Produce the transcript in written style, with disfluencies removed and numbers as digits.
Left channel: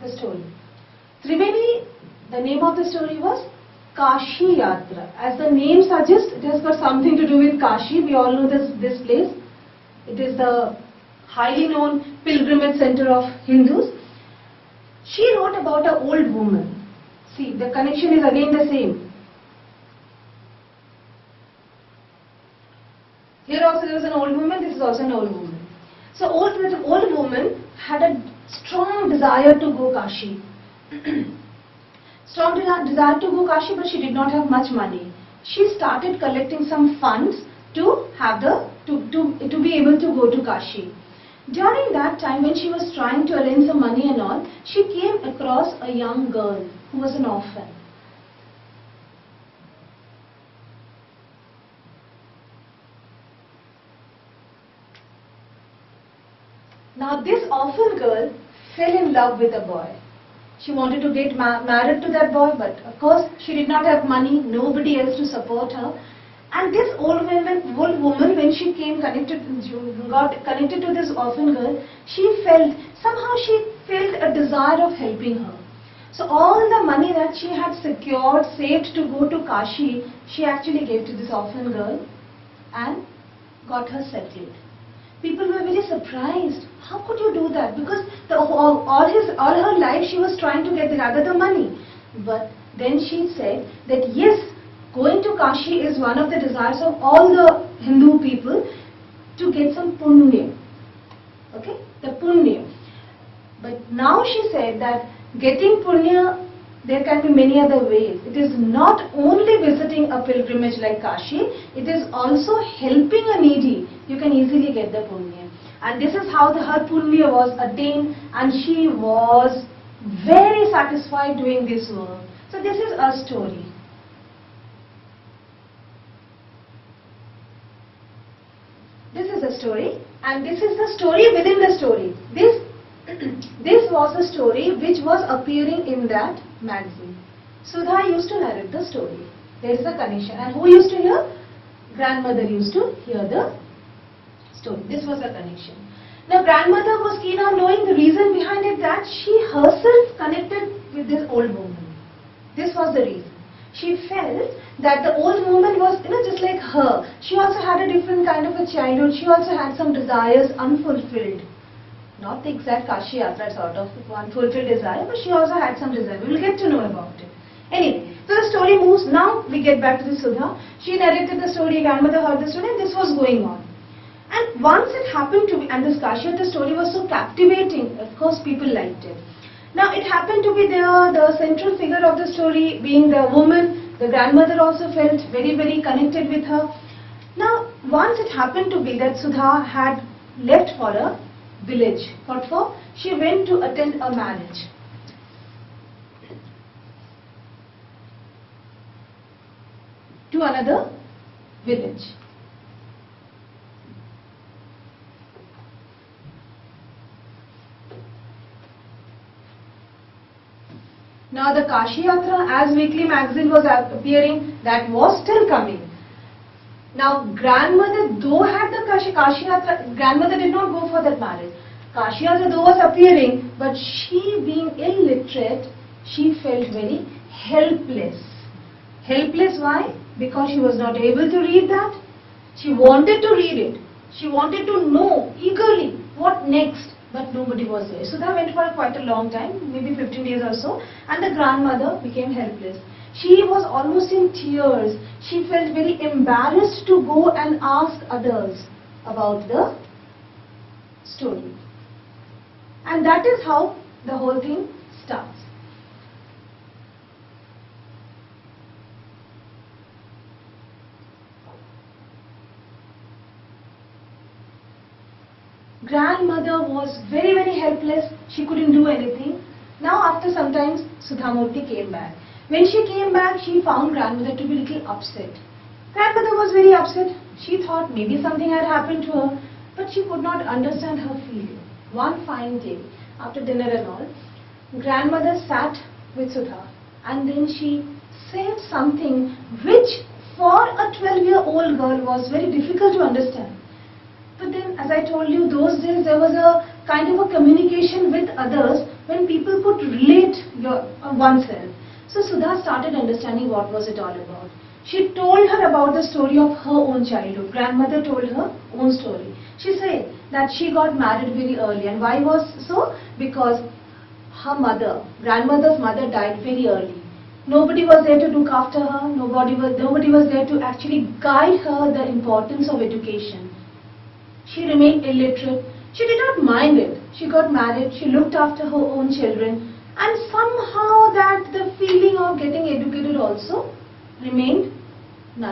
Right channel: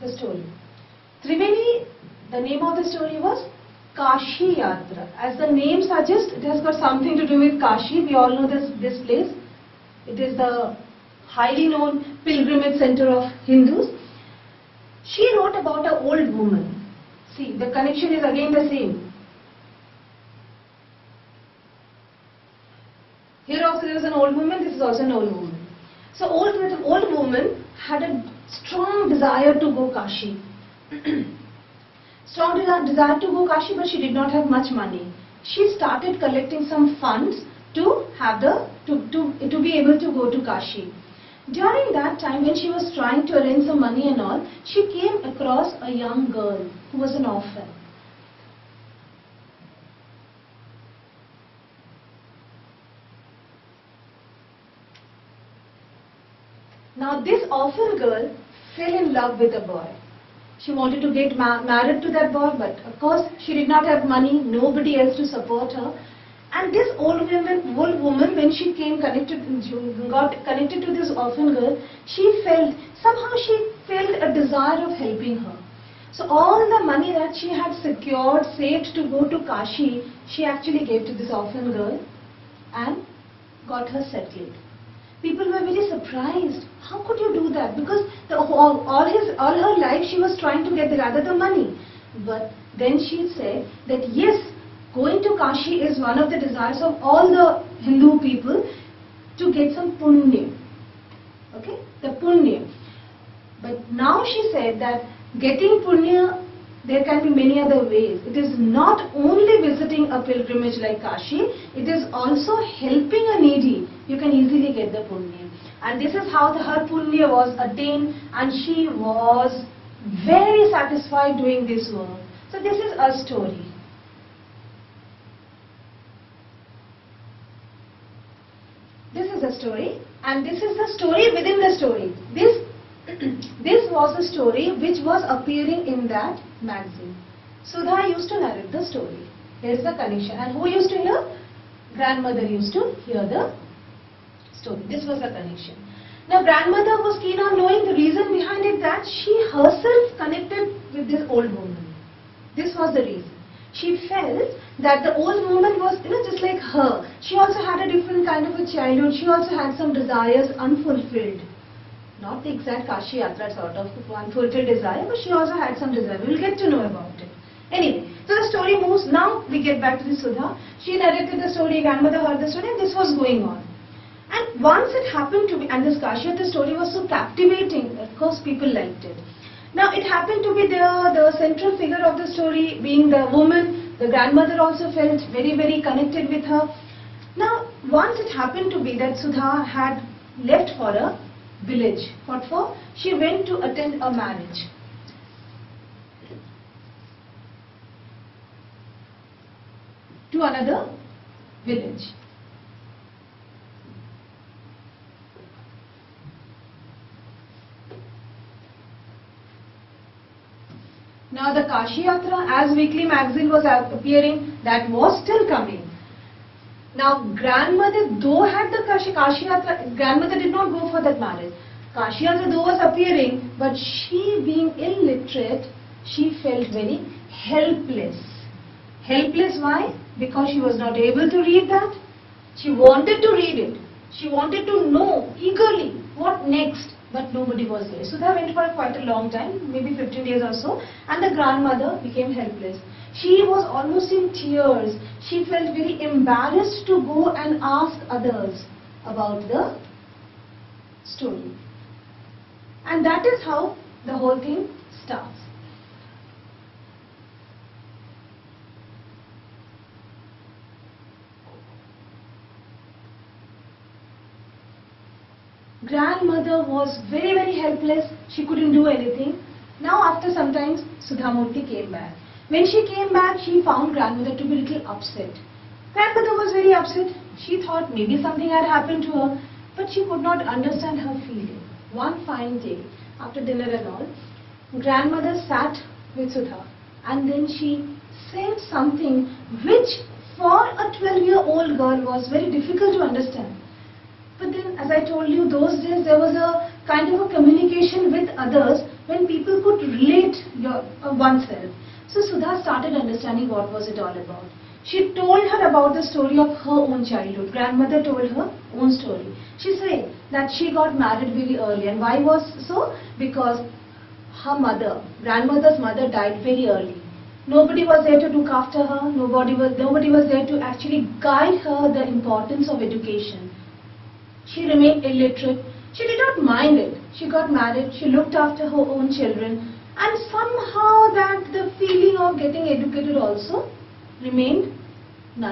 the story. Triveni, the name of the story was Kashi Yatra. As the name suggests, it has got something to do with Kashi. We all know this place. It is the highly known pilgrimage center of Hindus. She wrote about an old woman. See, the connection is again the same. Here also there was an old woman, this is also an old woman. So the old woman had a strong desire to go Kashi. Strong desire to go Kashi, but she did not have much money. She started collecting some funds to be able to go to Kashi. During that time, when she was trying to arrange some money and all, she came across a young girl who was an orphan. Now this orphan girl fell in love with a boy. She wanted to get married to that boy, but of course she did not have money, nobody else to support her. And this old woman, when she got connected to this orphan girl, somehow she felt a desire of helping her. So all the money that she had secured, saved to go to Kashi, she actually gave to this orphan girl and got her settled. People were very surprised. How could you do that? Because all her life she was trying to gather the money. But then she said that yes, going to Kashi is one of the desires of all the Hindu people to get some punya. Okay? The punya. But now she said that getting punya, there can be many other ways. It is not only visiting a pilgrimage like Kashi, it is also helping a needy. You can easily get the punya. And this is how her punya was attained, and she was very satisfied doing this work. So this is a story. This is a story, and this is the story within the story. This was a story which was appearing in that magazine. Sudha used to narrate the story. There is a connection. And who used to hear? Grandmother used to hear the story. This was the connection. Now grandmother was keen on knowing the reason behind it, that she herself connected with this old woman. This was the reason. She felt that the old woman was, just like her. She also had a different kind of a childhood. She also had some desires unfulfilled. Not the exact Kashi Yatra sort of unfulfilled desire, but she also had some desire. We will get to know about it. Anyway, so the story moves. Now we get back to the Sudha. She narrated the story, grandmother heard the story, and this was going on. And once it happened to be, and this Kashi Yatra story was so captivating, of course people liked it. Now it happened to be the central figure of the story being the woman. The grandmother also felt very, very connected with her. Now once it happened to be that Sudha had left for a village. What for? She went to attend a marriage. To another village. Now the Kashi Yatra, as weekly magazine was appearing, that was still coming. Now grandmother though had the Kashi Yatra, grandmother did not go for that marriage. Kashi Yatra though was appearing, but she being illiterate, she felt very helpless. Helpless why? Because she was not able to read that. She wanted to read it. She wanted to know eagerly what next. But nobody was there. So that went for quite a long time, maybe 15 days or so, and the grandmother became helpless. She was almost in tears. She felt very embarrassed to go and ask others about the story. And that is how the whole thing starts. Grandmother was very, very helpless. She couldn't do anything. Now after some time, Sudhamurti came back. When she came back, she found grandmother to be a little upset. Grandmother was very upset. She thought maybe something had happened to her, but she could not understand her feeling. One fine day, after dinner and all, grandmother sat with Sudha, and then she said something which for a 12-year-old girl was very difficult to understand. But then, as I told you, those days there was a kind of a communication with others when people could relate oneself. So Sudha started understanding what was it all about. She told her about the story of her own childhood. Grandmother told her own story. She said that she got married very early, and why was so? Because her mother, grandmother's mother, died very early. Nobody was there to look after her. Nobody was there to actually guide her the importance of education. She remained illiterate. She did not mind it. She got married. She looked after her own children, and somehow that the feeling of getting educated also remained